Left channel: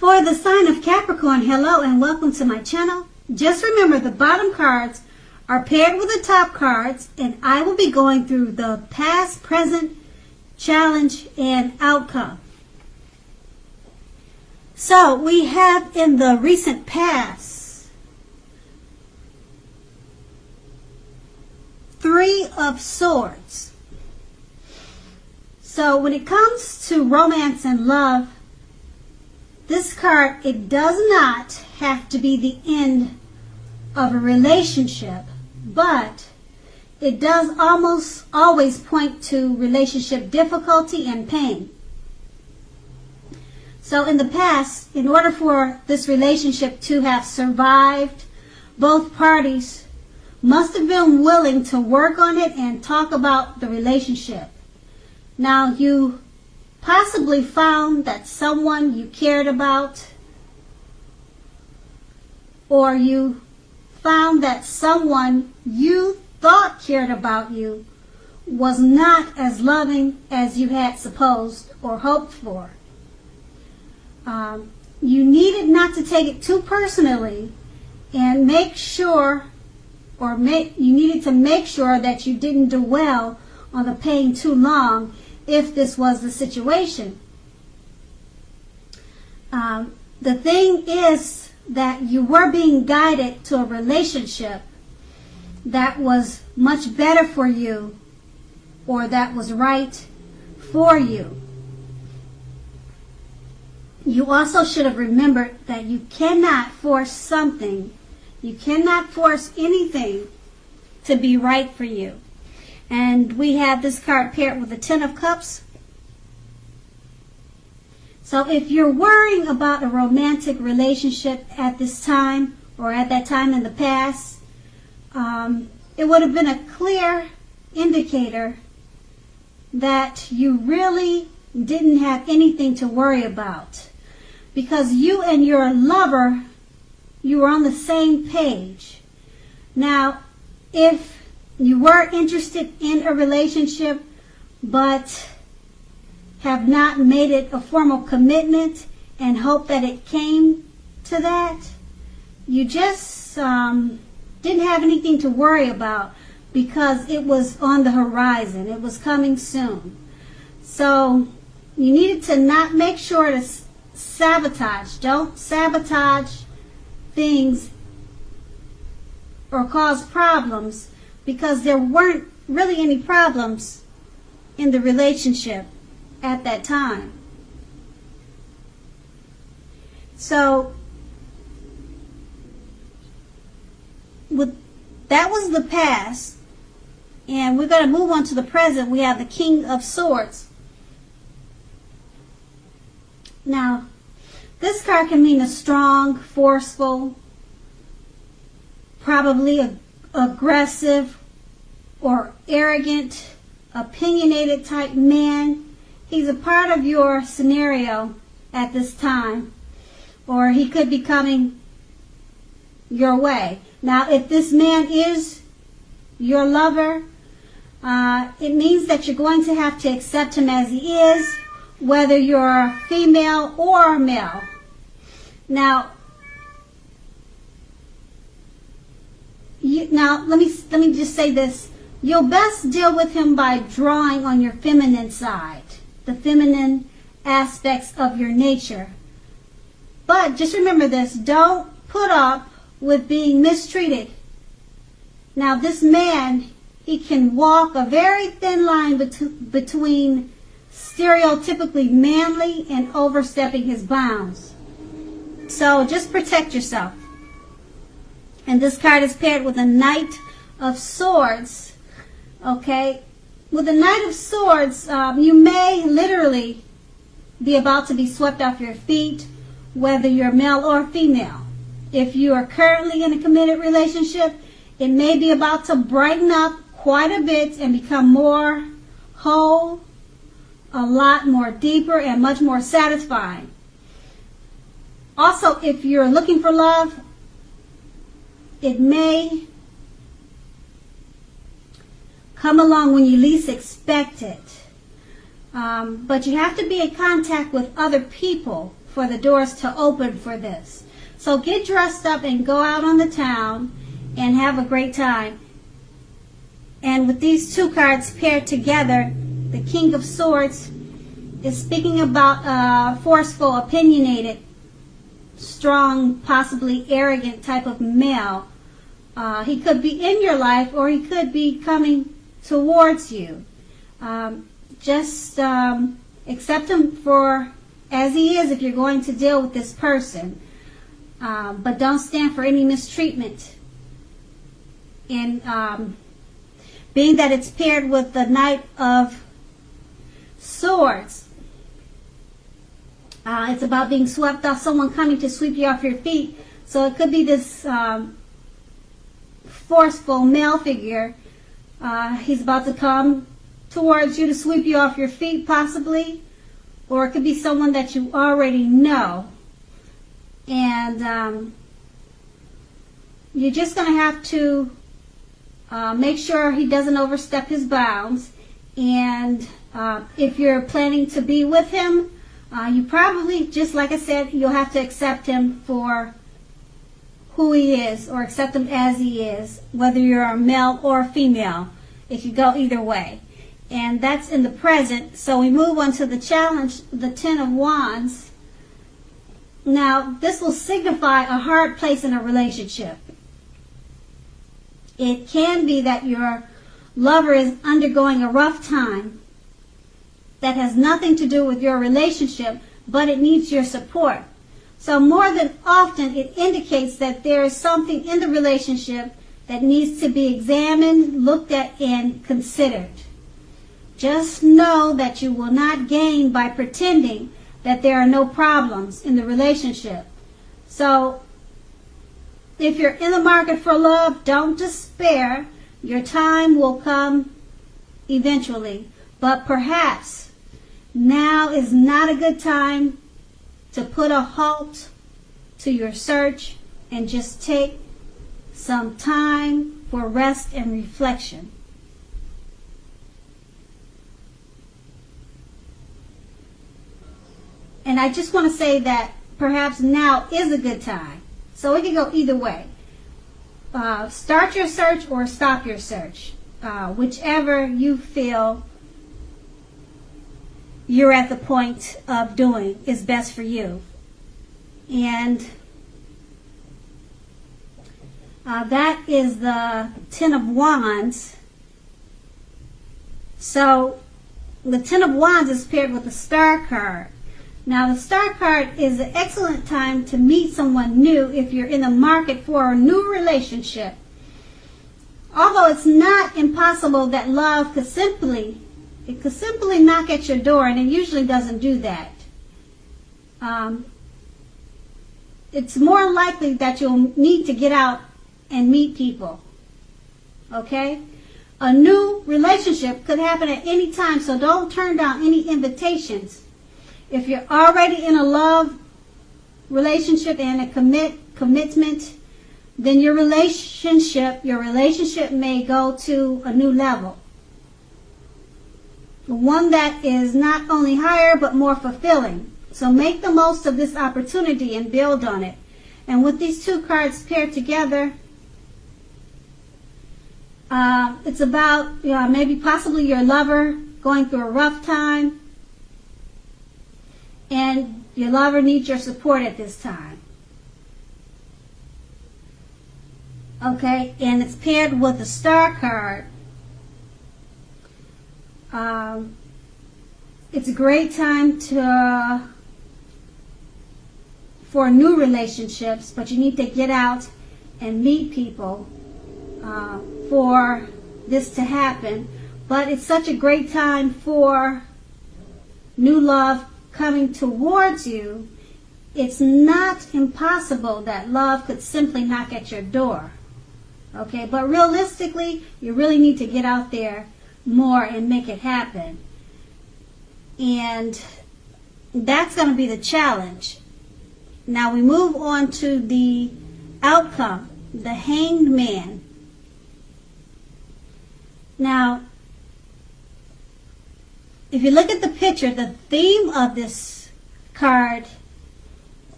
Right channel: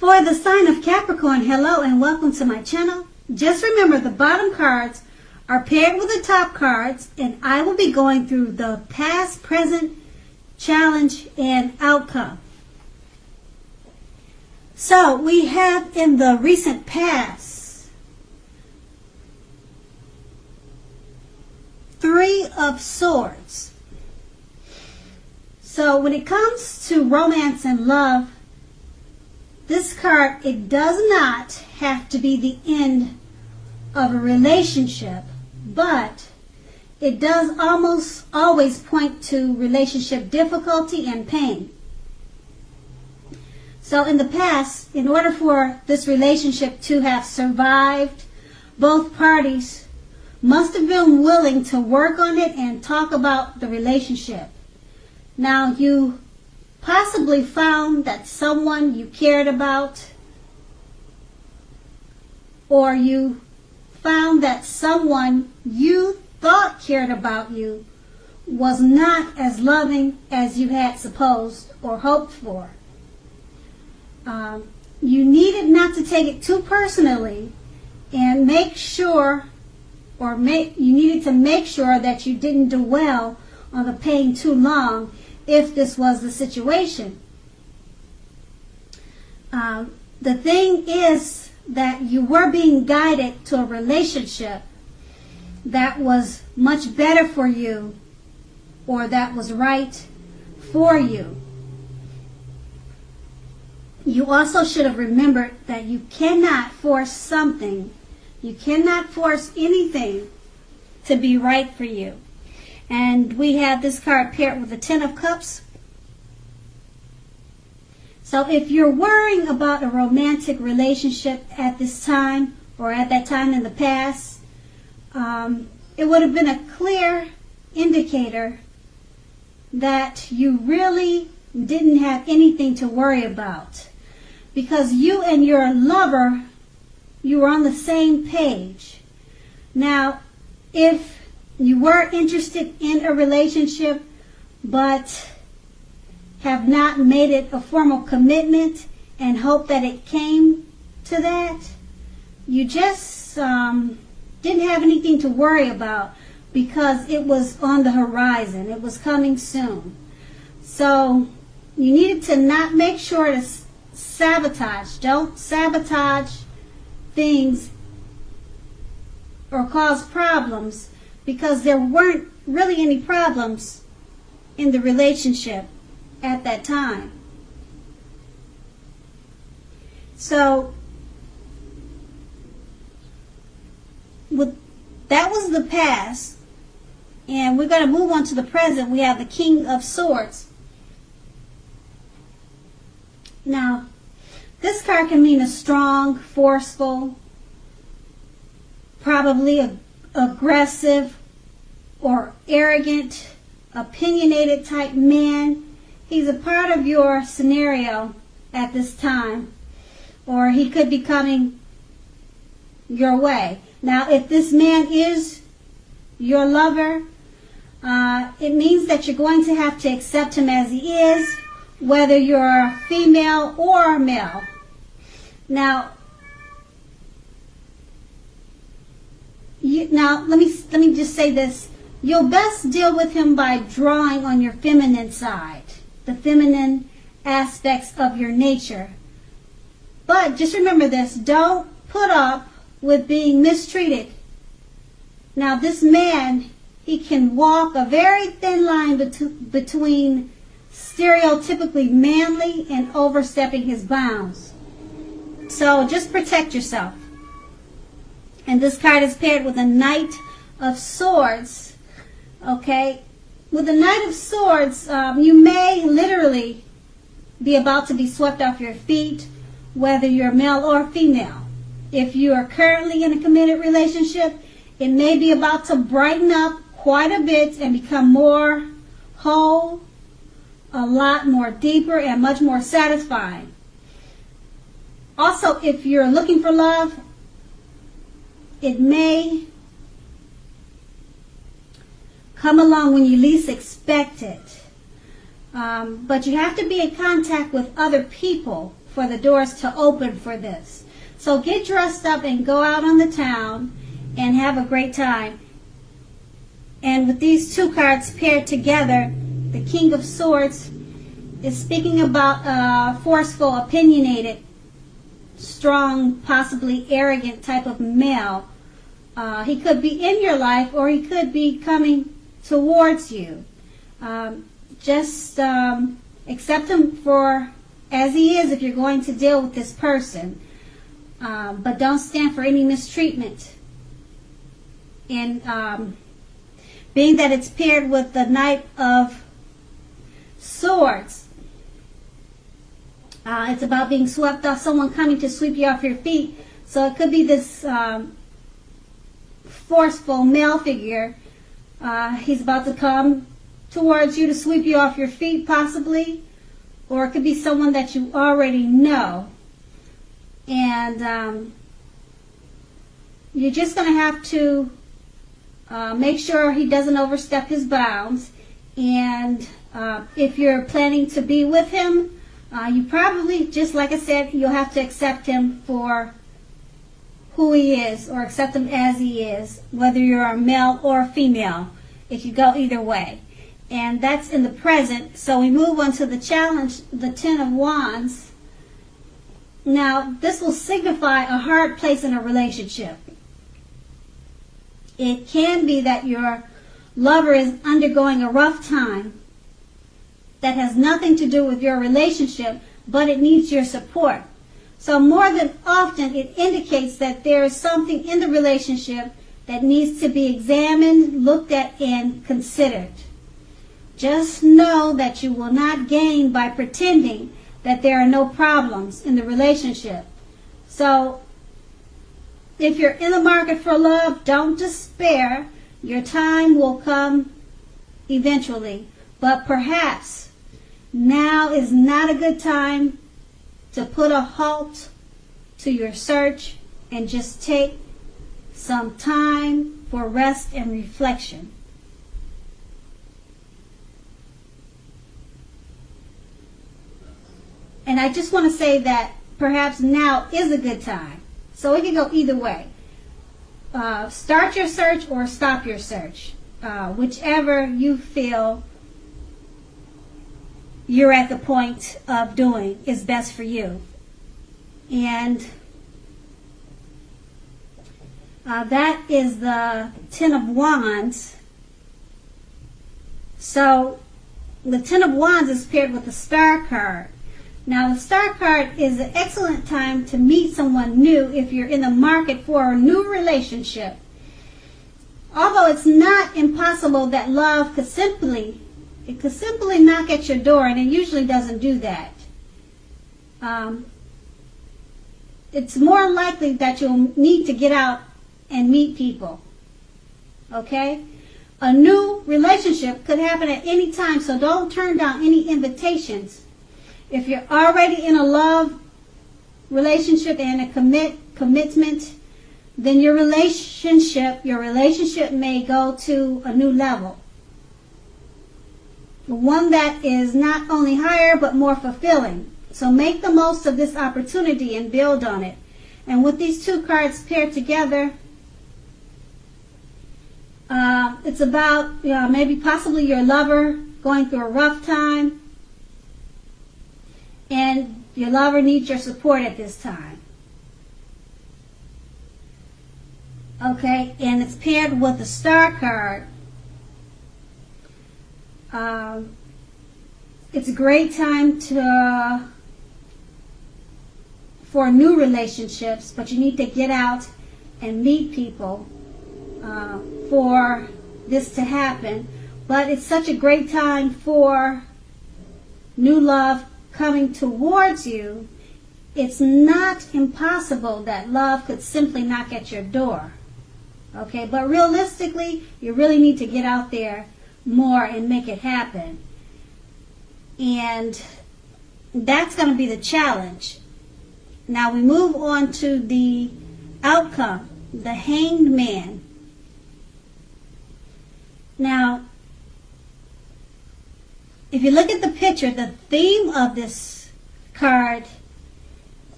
For the sign of Capricorn, hello and welcome to my channel. Just remember the bottom cards are paired with the top cards, and I will be going through the past, present, challenge, and outcome. So we have in the recent past 3 of Swords. So when it comes to romance and love, this card, it does not have to be the end of a relationship, but it does almost always point to relationship difficulty and pain. So in the past, in order for this relationship to have survived, both parties must have been willing to work on it and talk about the relationship. Now, you possibly found that someone you cared about, or you found that someone you thought cared about you was not as loving as you had supposed or hoped for. You needed not to take it too personally and make sure, you needed to make sure that you didn't dwell on the pain too long if this was the situation. The thing is that you were being guided to a relationship that was much better for you, or that was right for you. You also should have remembered that you cannot force something. You cannot force anything to be right for you. And we have this card paired with the 10 of Cups. So if you're worrying about a romantic relationship at this time, or at that time in the past, it would have been a clear indicator that you really didn't have anything to worry about, because you and your lover, you were on the same page. Now, if you were interested in a relationship but have not made it a formal commitment and hope that it came to that, you just didn't have anything to worry about because it was on the horizon. It was coming soon. So you needed to not make sure to sabotage. Don't sabotage things or cause problems, because there weren't really any problems in the relationship at that time. So that was the past, and we're going to move on to the present. We have the King of Swords. Now, this card can mean a strong, forceful, probably aggressive or arrogant, opinionated type man. He's a part of your scenario at this time, or he could be coming your way. Now, if this man is your lover, it means that you're going to have to accept him as he is, whether you're female or male. Now, let me just say this. You'll best deal with him by drawing on your feminine side, the feminine aspects of your nature. But just remember this, don't put up with being mistreated. Now, this man, he can walk a very thin line between stereotypically manly and overstepping his bounds. So just protect yourself. And this card is paired with a Knight of Swords. Okay, with the Knight of Swords, you may literally be about to be swept off your feet, whether you're male or female. If you are currently in a committed relationship, it may be about to brighten up quite a bit and become more whole, a lot more deeper, and much more satisfying. Also, if you're looking for love, it may come along when you least expect it. But you have to be in contact with other people for the doors to open for this. So get dressed up and go out on the town and have a great time. And with these two cards paired together, the King of Swords is speaking about a forceful, opinionated, strong, possibly arrogant type of male. He could be in your life or he could be coming towards you. Just accept him for as he is if you're going to deal with this person. But don't stand for any mistreatment. And being that it's paired with the Knight of Swords, it's about being swept off, someone coming to sweep you off your feet. So it could be this forceful male figure. He's about to come towards you to sweep you off your feet, possibly. Or it could be someone that you already know. And you're just going to have to make sure he doesn't overstep his bounds. And if you're planning to be with him, you probably, just like I said, you'll have to accept him for who he is, or accept him as he is, whether you're a male or a female. It could go either way. And that's in the present. So we move on to the challenge, the Ten of Wands. Now, this will signify a hard place in a relationship. It can be that your lover is undergoing a rough time that has nothing to do with your relationship, but it needs your support. So more than often, it indicates that there is something in the relationship that needs to be examined, looked at, and considered. Just know that you will not gain by pretending that there are no problems in the relationship. So if you're in the market for love, don't despair. Your time will come eventually. But perhaps now is not a good time to put a halt to your search and just take some time for rest and reflection. And I just want to say that perhaps now is a good time. So it can go either way. Start your search or stop your search. Whichever you feel you're at the point of doing is best for you. And that is the Ten of Wands. So the Ten of Wands is paired with the Star card. Now, the Star card is an excellent time to meet someone new if you're in the market for a new relationship. Although it's not impossible that love could simply knock at your door, and it usually doesn't do that. It's more likely that you'll need to get out and meet people. Okay? A new relationship could happen at any time, so don't turn down any invitations. If you're already in a love relationship and a commitment, then your relationship may go to a new level. One that is not only higher but more fulfilling. So make the most of this opportunity and build on it. And with these two cards paired together, it's about maybe possibly your lover going through a rough time. And your lover needs your support at this time. Okay, and it's paired with a Star card. It's a great time for new relationships, but you need to get out and meet people for this to happen. But it's such a great time for new love coming towards you. It's not impossible that love could simply knock at your door. Okay, but realistically, you really need to get out there more and make it happen. And that's going to be the challenge. Now we move on to the outcome, the Hanged Man. Now, if you look at the picture, the theme of this card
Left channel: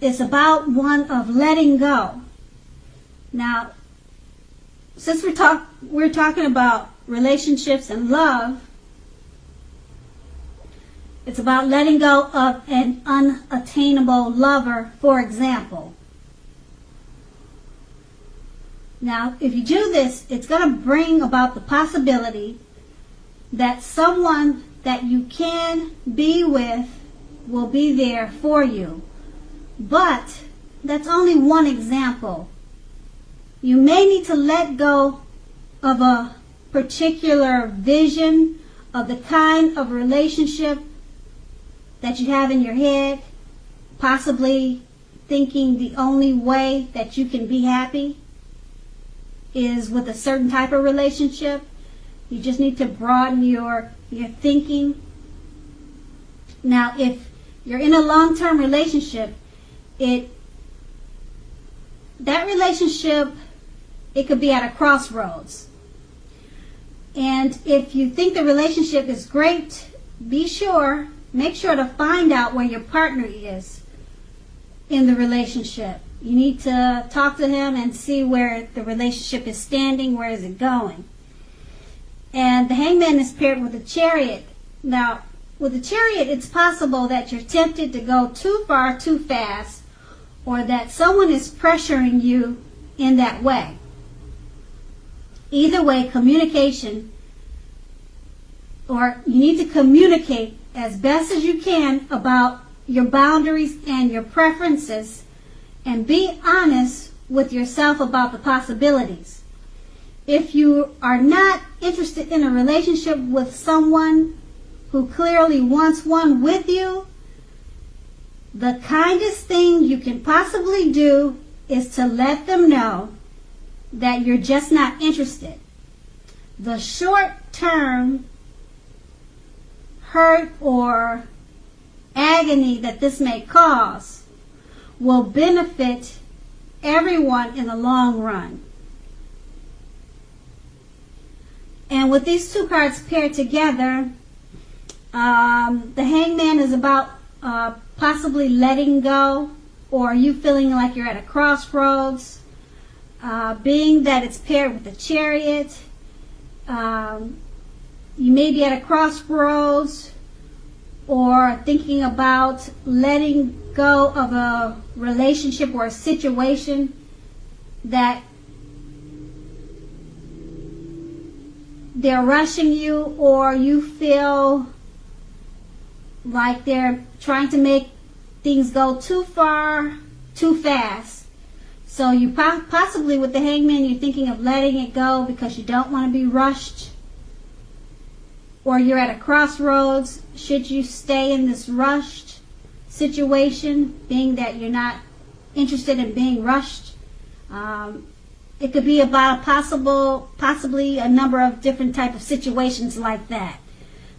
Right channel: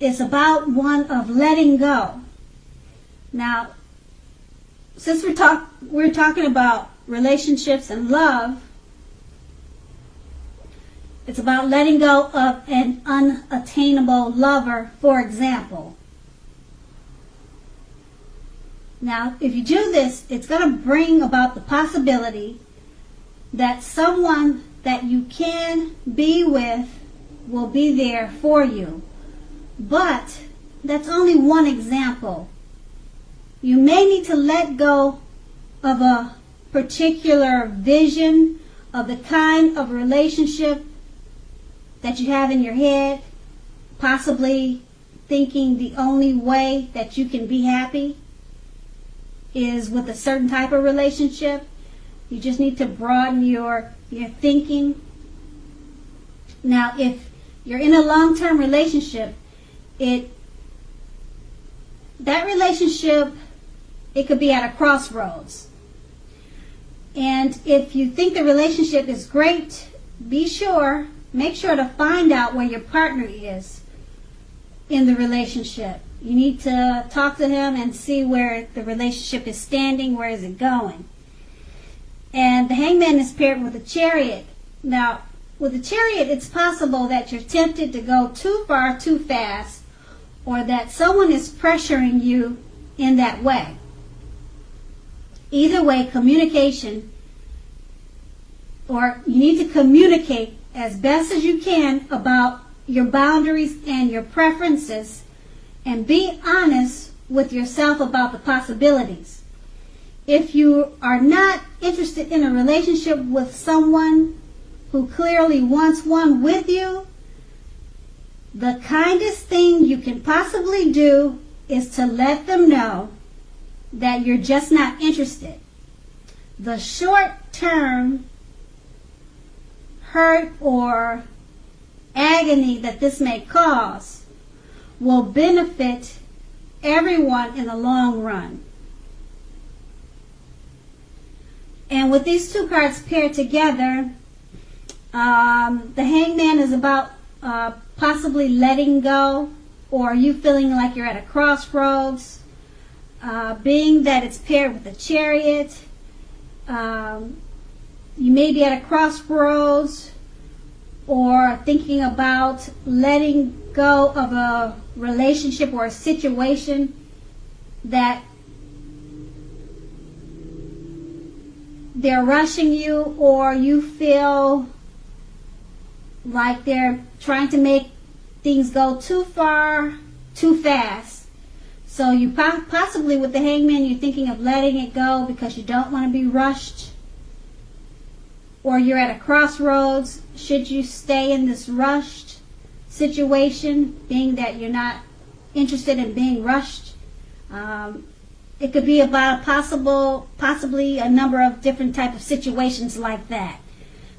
is about one of letting go. Now, since we're talking about relationships and love, it's about letting go of an unattainable lover, for example. Now, if you do this, it's going to bring about the possibility that someone that you can be with will be there for you. But that's only one example. You may need to let go of a particular vision of the kind of relationship that you have in your head, possibly thinking the only way that you can be happy is with a certain type of relationship. You just need to broaden your thinking. Now, if you're in a long-term relationship, that relationship, it could be at a crossroads. And if you think the relationship is great, make sure to find out where your partner is in the relationship. You need to talk to him and see where the relationship is standing, where is it going. And the Hangman is paired with a Chariot. Now, with a Chariot, it's possible that you're tempted to go too far, too fast, or that someone is pressuring you in that way. Either way, communication, or you need to communicate as best as you can about your boundaries and your preferences, and be honest with yourself about the possibilities. If you are not interested in a relationship with someone who clearly wants one with you, the kindest thing you can possibly do is to let them know that you're just not interested. The short-term hurt or agony that this may cause will benefit everyone in the long run. And with these two cards paired together, the Hangman is about possibly letting go, or you feeling like you're at a crossroads. Being that it's paired with the Chariot, you may be at a crossroads or thinking about letting go of a relationship or a situation that they're rushing you, or you feel like they're trying to make things go too far, too fast. So you possibly, with the Hangman, you're thinking of letting it go because you don't want to be rushed. Or you're at a crossroads. Should you stay in this rushed situation, being that you're not interested in being rushed? It could be about possibly a number of different type of situations like that.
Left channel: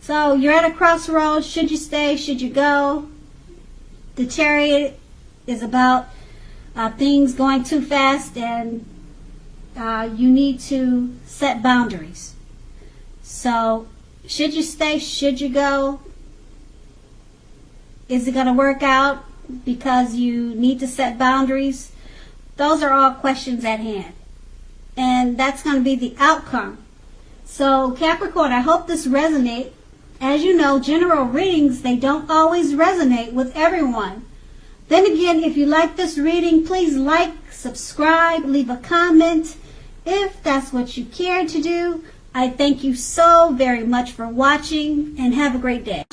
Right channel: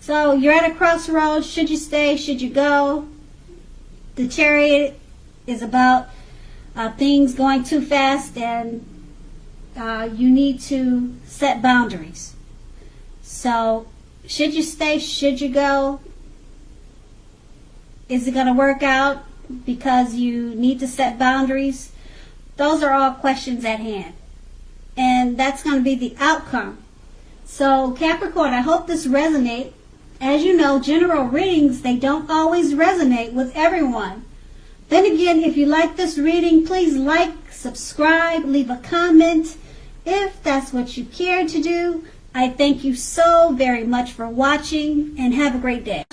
So you're at a crossroads. Should you stay? Should you go? The Chariot is about things going too fast, and you need to set boundaries. So should you stay? Should you go? Is it going to work out because you need to set boundaries? Those are all questions at hand. And that's going to be the outcome. So Capricorn, I hope this resonates. As you know, general readings, they don't always resonate with everyone. Then again, if you like this reading, please like, subscribe, leave a comment if that's what you care to do. I thank you so very much for watching, and have a great day.